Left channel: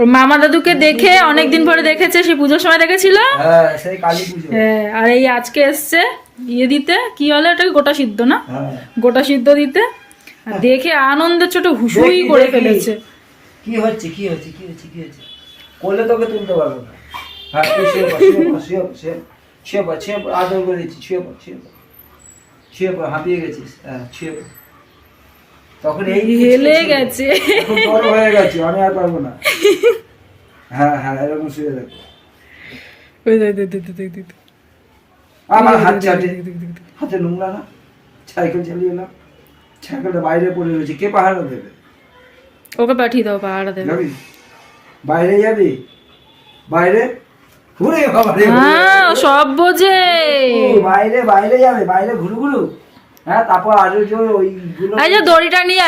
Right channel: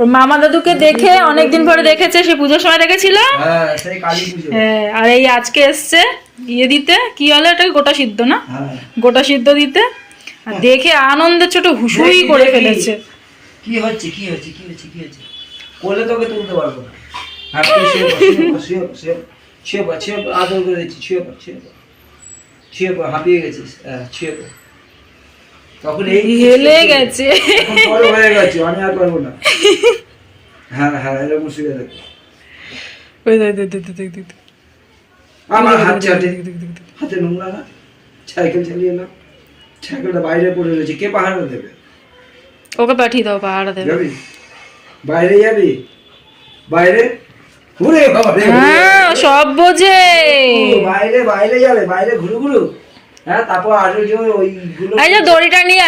ওর মামা দাদুকে দেখে অনেকদিন পরে দেখেছে, সে পুজোর সময় দেখেছিল। হ্যাঁ, আর এই আজকে এসছে ইয়ে দিতে, কি হলো এটা, গোটা সিদ্ধ না, গোটা সিদ্ধ দিতে, আর দেখে আনন্দের ছোট হুসুই করে ফেলেছে। কি হচ্ছে কি হচ্ছে কি হচ্ছে কি হচ্ছে, কোলে তোকে তুলতে পারবো না। হ্যাঁ, আদর করে দিচ্ছি, ছুঁয়ে পড়, হাঁপিয়ে গেছিস, হ্যাঁ ছুঁয়ে পড়। তখন এই হেলে গেছে, বড় হয়ে গেছে, আমি আর পারবো না। হ্যাঁ হ্যাঁ, এরকম শুয়ে দেখো। আমার হাতে নোংরা না, সাইকেল চালিয়ে এলাম, সাইকেলটা বাইরে পড়ে রয়েছে, কে পাহাড়ে দেবে? ওকে পাঠিয়ে দাও, পাহাড়ে দেবে। যাবি বাইরে, যাবি বাইরে? হ্যাঁ, সব বোঝে। বাইরে বাইরে যাবে, বাইরে ঘুরু ঘুরু। হ্যাঁ, তারপর আর ওইগুলো দড়িটা নিয়ে